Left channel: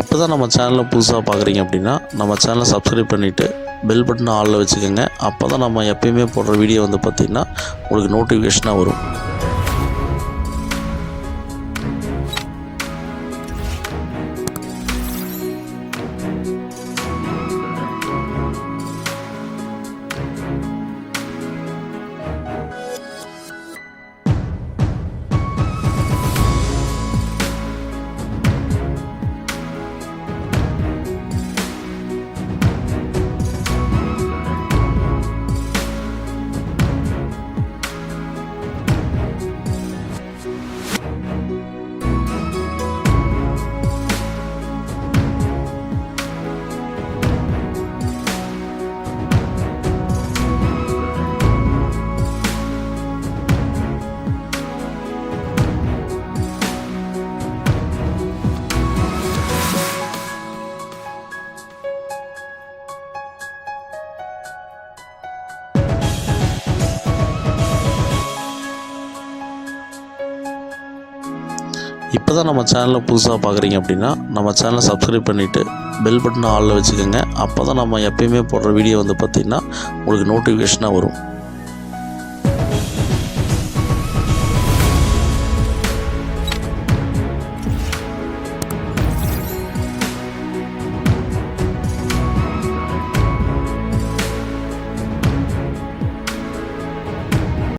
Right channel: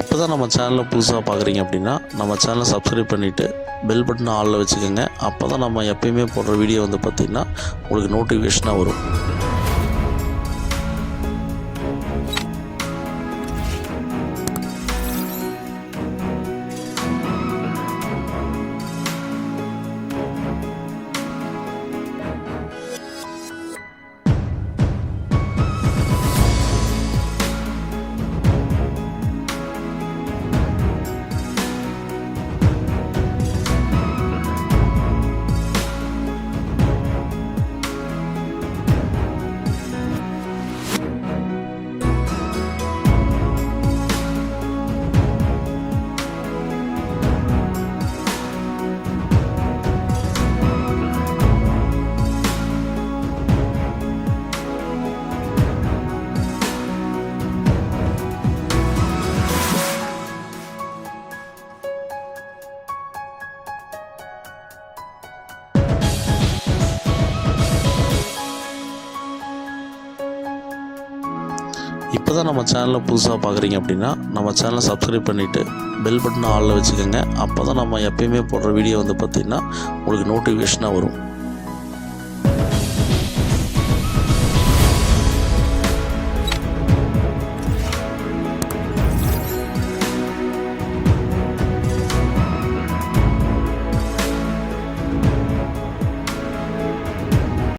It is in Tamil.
இப்போ தான் நம்ம சேனலை புதுசாக பார்க்குறீங்க அப்படின்னா நம்ம சேனலை சப்ஸ்கிரைப் பண்ணிவிட்டு பெல் பட்டனை ஆளில் வச்சுக்கோங்க. அப்போ தான் நம்ம எப்பயுமே போடுற வீடியோ வந்து பார்த்திங்கன்னா உங்களுக்கு நோட்டிஃபிகேஷனாக வரும். இப்போ தான் நம்ம சேனலை புதுசாக பார்க்குறீங்க அப்படின்னா நம்ம சேனலை சப்ஸ்கிரைப் பண்ணிவிட்டு பெல் பட்டனை ஆளில் வச்சுக்கோங்க. அப்போ தான் நம்ம எப்பயுமே போடுற வீடியோ வந்து பார்த்திங்கன்னா உங்களுக்கு நோட்டிஃபிகேஷனாக வரும்.